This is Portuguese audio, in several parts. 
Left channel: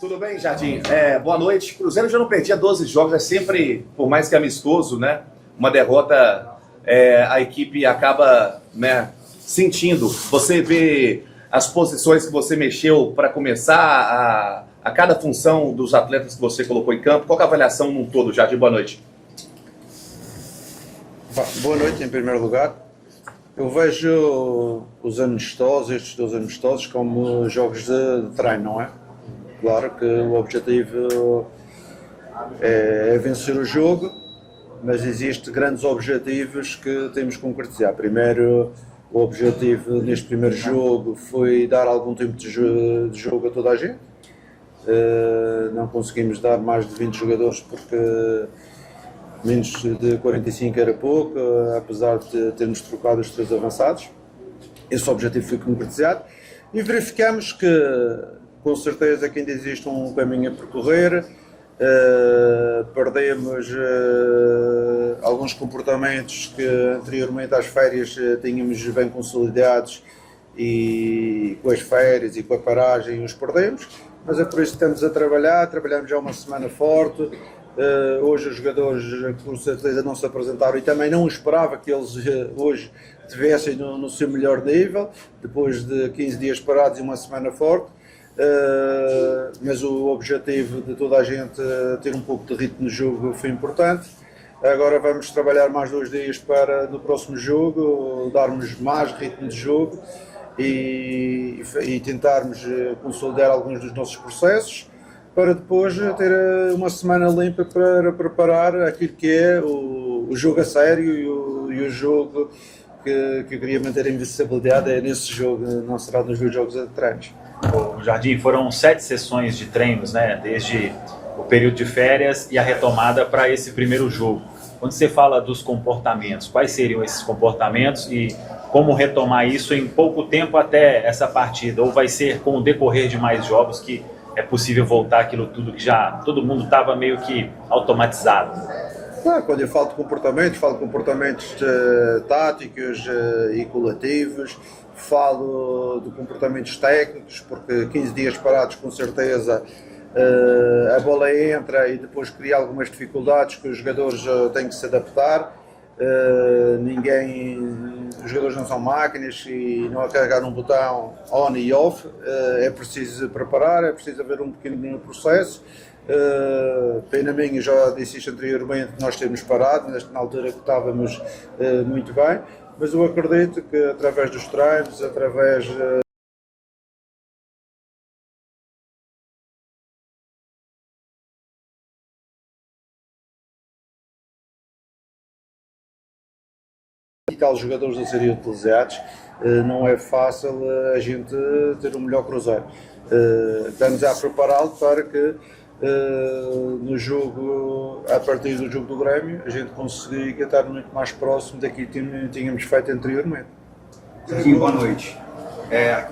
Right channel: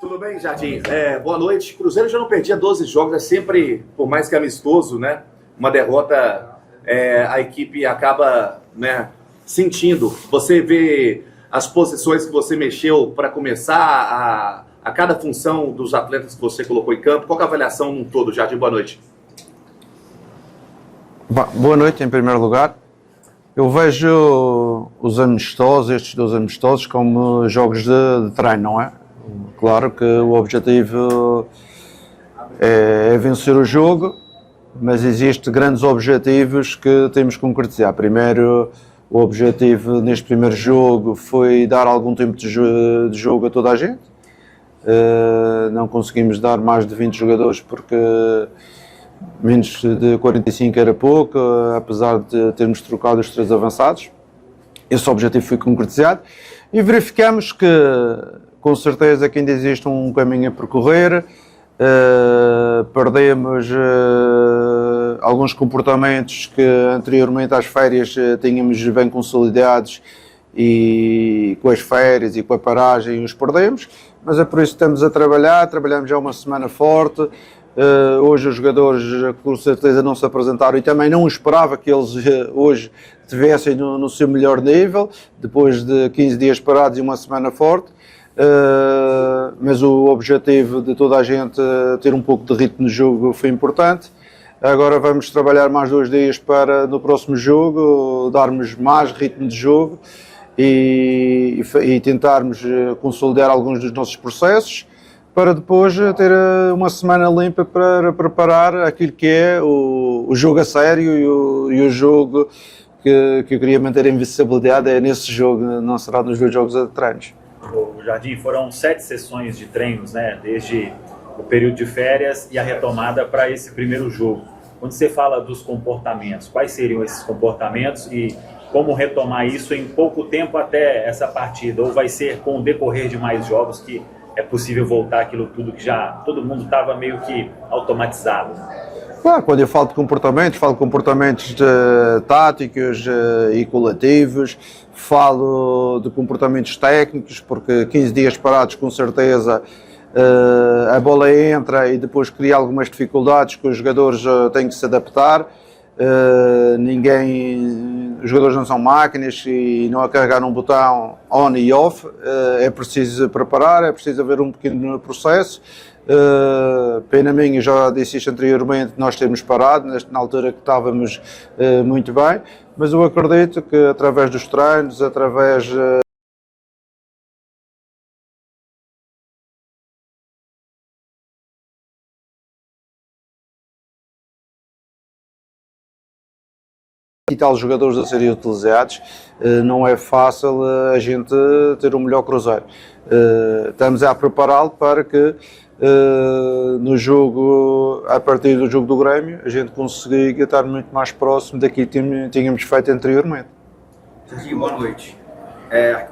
Tudo bem, Jardim? Boa noite. Cruzeiro já não perdia 12 jogos, é sempre, por mais que amistoso, né? Uma derrota, a equipe acaba, né, sentindo. Você vê as posições que você mexeu para começar, a cada função dos atletas que você colocou em campo. Qual é a avaliação num todo, Jardim? Boa noite. Boa noite, em primeiro lugar. Eu vejo os amistosos, estes 2 amistosos, como jogos de treino, não é? Claro que o objetivo é vencer o jogo, mas existem grandes objetivos que temos que concretizar. Primeiro, o objetivo neste primeiro jogo foi dar algum tempo de jogo a toda a gente. Não conseguimos dar mais de 20 jogadores porque menos de 45 era pouco, apesar de termos trocado os 3 avançados. Esse objetivo foi concretizado e verificamos que, com certeza, que ainda existe um caminho a percorrer. Perdemos alguns comportamentos que anteriormente às férias tínhamos bem consolidados e com as férias e com a paragem os perdemos, mas é por isso que estamos a trabalhar, trabalhamos já uma semana forte. Hoje os jogadores com certeza não se apresentaram e também não esperava que eles hoje estivessem no seu melhor nível, depois de 15 dias parados e uma semana forte. Mas o objetivo de toda a gente ter um pouco de ritmo de jogo foi importante. Agora vamos trabalhar mais 2 dias para no próximo jogo darmos mais ritmo de jogo e tentarmos consolidar alguns dos nossos processos para depois ter uma semana limpa para preparar aquilo que é o jogo a sério e o jogo que eu queria manter a invencibilidade é nesse jogo, não será nos 2 jogos a treinos. O Jardim, foram 7 sessões de treinos, né, desde o período de férias e a retomada para esse primeiro jogo. Quando você fala dos comportamentos, quais seriam esses comportamentos e como retomar isso em pouco tempo até essa partida? Ou vai ser com o decorrer de mais jogos que é possível voltar aquilo tudo que já todo mundo estava meio que automatizado? Claro, quando eu falo de comportamentos táticos e coletivos, falo de comportamentos técnicos, porque 15 dias parados com certeza a bola entra e depois cria algumas dificuldades que os jogadores têm que se adaptar. Os jogadores não são máquinas e não a carregar um botão on e off, é preciso preparar, é preciso haver um pequeno processo. Pena minha, já disse isto anteriormente, nós termos parado, na altura que estávamos muito bem, mas eu acredito que através dos treinos, através e tal jogadores a serem utilizados, não é fácil a gente ter um melhor Cruzeiro. Estamos a prepará-lo para que no jogo, a partir do jogo do Grêmio, a gente consiga estar muito mais próximo daquilo que tínhamos feito anteriormente. Boa noite.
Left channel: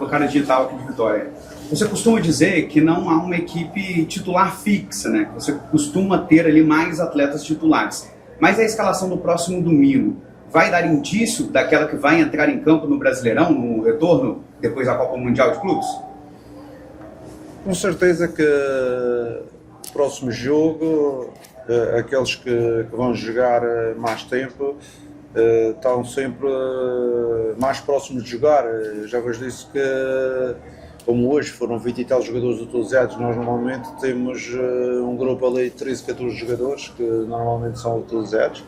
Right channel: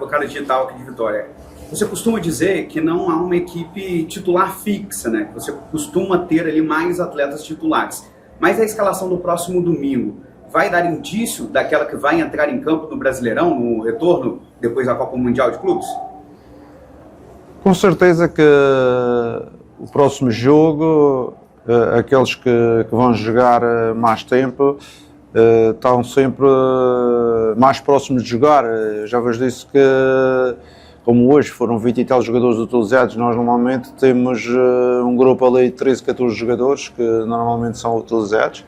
O cara digital aqui de Vitória. Você costuma dizer que não há uma equipe titular fixa, né? Você costuma ter ali mais atletas titulares. Mas a escalação do próximo domingo vai dar indício daquela que vai entrar em campo no Brasileirão, no retorno, depois da Copa Mundial de Clubes? Com certeza que o próximo jogo, aqueles que vão jogar mais tempo, estão sempre mais próximos de jogar. Já vos disse que, como hoje foram 20 e tal jogadores utilizados, nós normalmente temos um grupo ali de 13, 14 jogadores que normalmente são utilizados.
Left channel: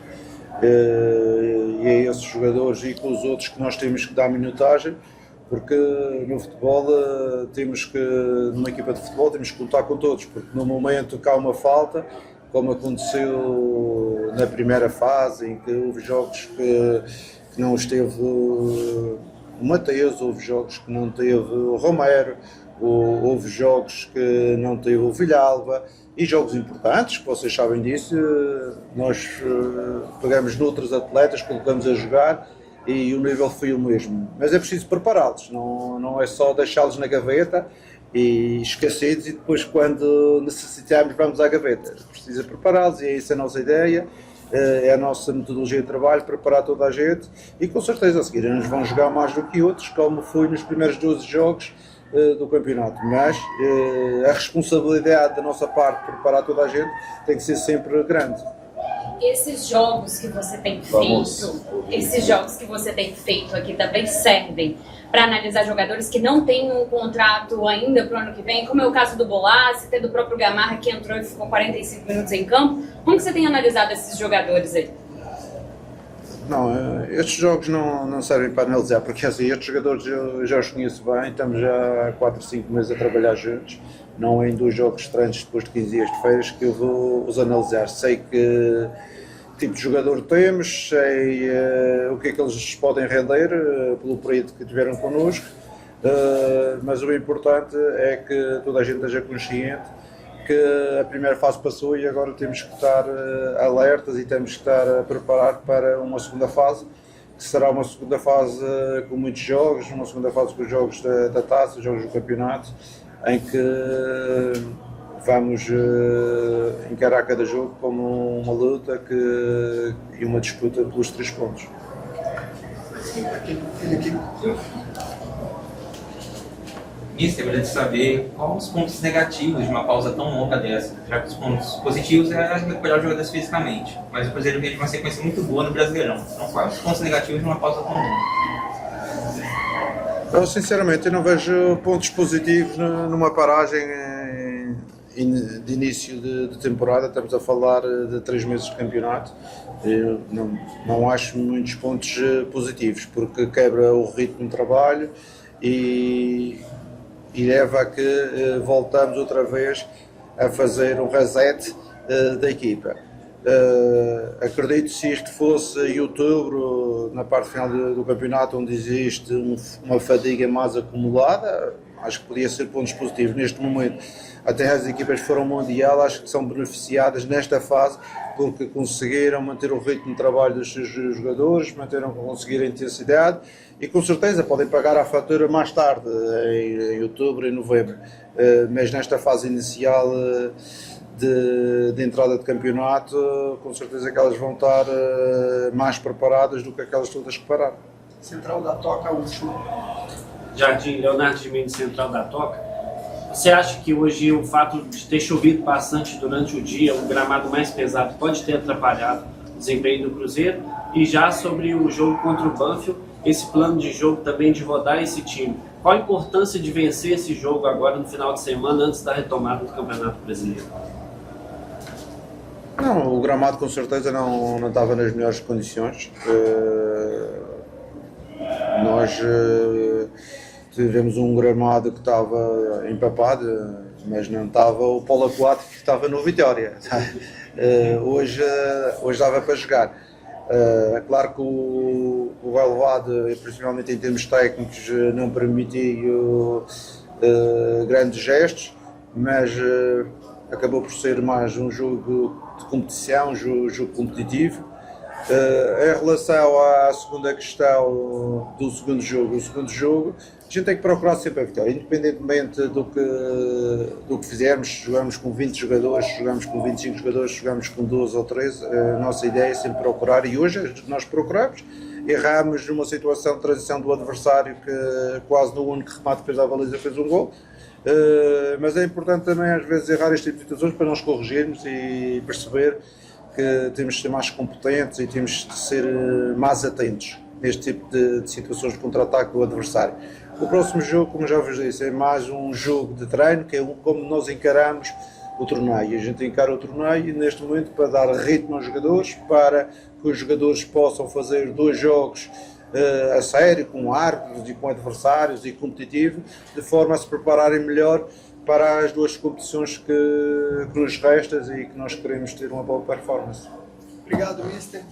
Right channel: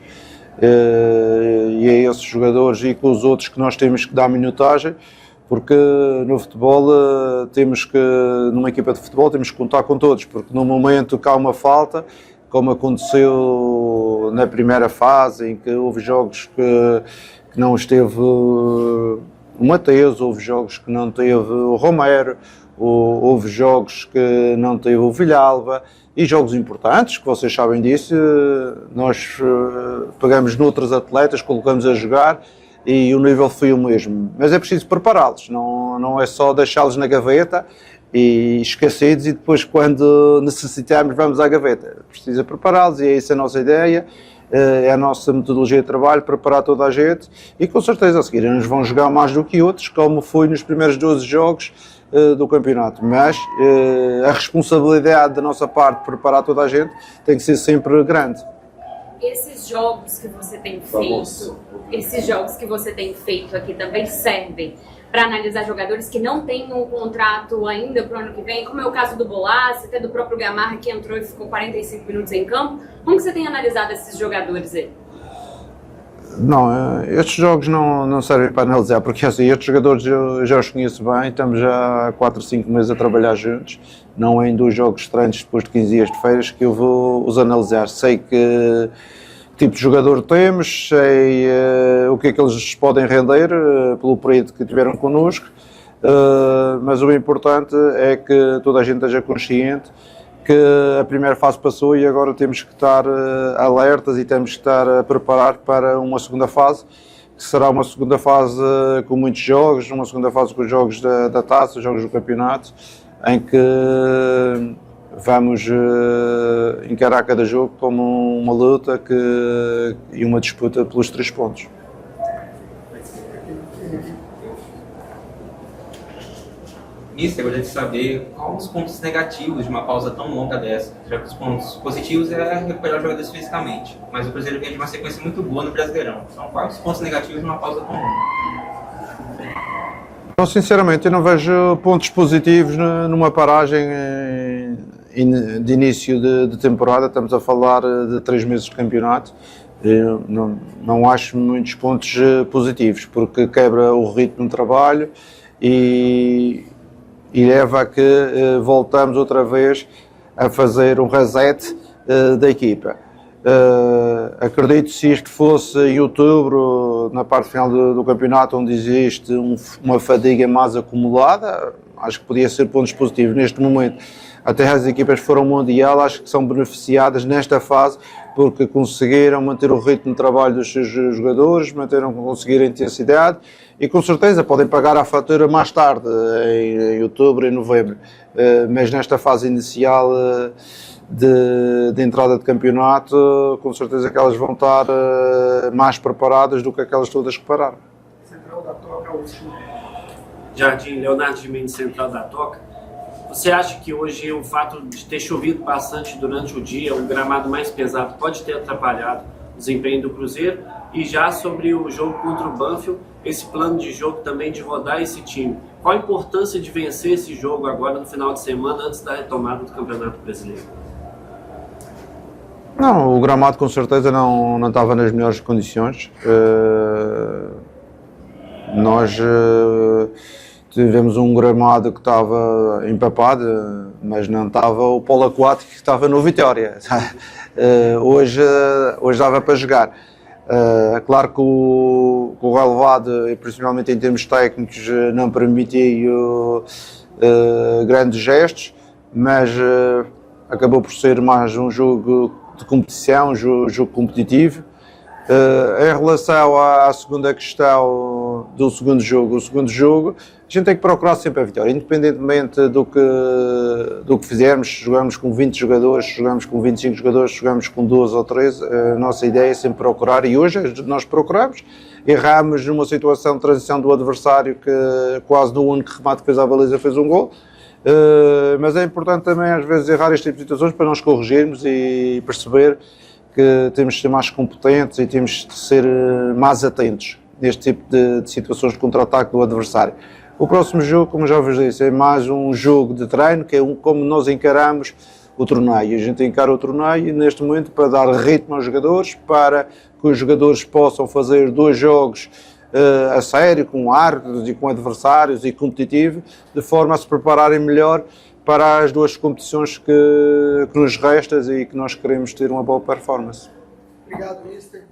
E é esses jogadores e com os outros que nós temos que dar minutagem, porque no futebol numa equipa de futebol temos que contar com todos, porque no momento que há uma falta, como aconteceu na primeira fase, em que houve jogos que não esteve o Mateus, houve jogos que não teve o Romero, houve jogos que não teve o Villalba, e jogos importantes, que vocês sabem disso, nós pegamos noutros atletas, colocamos a jogar e o nível foi o mesmo. Mas é preciso prepará-los, não é só deixá-los na gaveta e esquecidos e depois quando necessitarmos vamos à gaveta. Precisa prepará-los e é essa a nossa ideia, é a nossa metodologia de trabalho, preparar toda a gente e com certeza a seguir uns vão jogar mais do que outros, como foi nos primeiros 12 jogos, do campeonato, mas a responsabilidade da nossa parte de preparar toda a gente tem que ser sempre grande. Esses jogos que você tem feito aqui também servem para analisar jogadores que não têm um contrato ainda para o ano que vem, como é o caso do Bolassi, até do próprio Gamarra, que entrou e ficou 45 minutos em campo. Como que você tem analisado esses jogadores aí? Não, estes jogos não servem para analisar, porque assim, estes jogadores eu já os conheço bem, estamos já há 4 ou 5 meses a trabalhar juntos, não é em 2 jogos estranhos depois de 15 dias de férias que eu vou os analisar. Sei que tipo de jogador temos, sei o que é que eles podem render pelo período que tiveram connosco, mas o importante é que toda a gente esteja consciente que a primeira fase passou e agora temos que estar alertas e temos que estar a preparar para uma segunda fase, que será uma segunda fase com muitos jogos, uma segunda fase com os jogos da taça, jogos do campeonato, em que vamos encarar cada jogo como uma luta e uma disputa pelos 3 pontos. Mister, eu gostaria de saber quais os pontos negativos de uma pausa tão longa dessa, já que os pontos positivos é recuperar os jogadores fisicamente, mas o Cruzeiro vem de uma sequência muito boa no Brasileirão. Então, quais os pontos negativos de uma pausa tão longa? Eu, sinceramente, eu não vejo pontos positivos numa paragem de início de temporada. Estamos a falar de 3 meses de campeonato. Eu não acho muitos pontos positivos, porque quebra o ritmo de trabalho e leva a que voltamos outra vez a fazer um reset da equipa. Acredito, se isto fosse em outubro, na parte final do campeonato, onde existe uma fadiga mais acumulada, acho que podia ser pontos positivos. Neste momento, até as equipas que foram ao Mundial, acho que são beneficiadas nesta fase, porque conseguiram manter o ritmo de trabalho dos seus jogadores, conseguiram a intensidade e com certeza podem pagar a fatura mais tarde, em outubro e novembro. Mas nesta fase inicial de entrada de campeonato, com certeza que elas vão estar mais preparadas do que aquelas todas que pararam. Central da Toca, último. Jardim, Leonardo de Mendes, Central da Toca. Você acha que hoje o fato de ter chovido bastante durante o dia, o gramado mais pesado, pode ter atrapalhado o desempenho do Cruzeiro? E já sobre o jogo contra o Banfield, esse plano de jogo também de rodar esse time. Qual a importância de vencer esse jogo agora no final de semana, antes da retomada do Campeonato Brasileiro? Não, o gramado com certeza não estava nas melhores condições. Nós tivemos um gramado que estava empapado, mas não estava o polo aquático que estava no Vitória. Hoje dava para jogar. Claro que o relevado, e principalmente em termos técnicos, não permitiu grandes gestos, mas acabou por ser mais um jogo de competição, um jogo competitivo. Em relação à segunda questão do segundo jogo, a gente tem que procurar sempre a vitória, independentemente do que fizermos. Jogamos com 20 jogadores, jogamos com 25 jogadores, jogamos com 12 ou 13, a nossa ideia é sempre procurar, e hoje nós procuramos. Erramos numa situação de transição do adversário, que quase no único remate que fez à baliza fez um gol. Mas é importante também às vezes errar este tipo de situações para nós corrigirmos e perceber que temos de ser mais competentes e temos de ser mais atentos neste tipo de situações de contra-ataque do adversário. O próximo jogo, como já vos disse, é mais um jogo de treino, que é como nós encaramos o torneio. A gente encara o torneio neste momento para dar ritmo aos jogadores, para que os jogadores possam fazer 2 jogos a sério, com árbitros e com adversários e competitivo, de forma a se prepararem melhor para as 2 competições que nos restam e que nós queremos ter uma boa performance. Obrigado, Mister.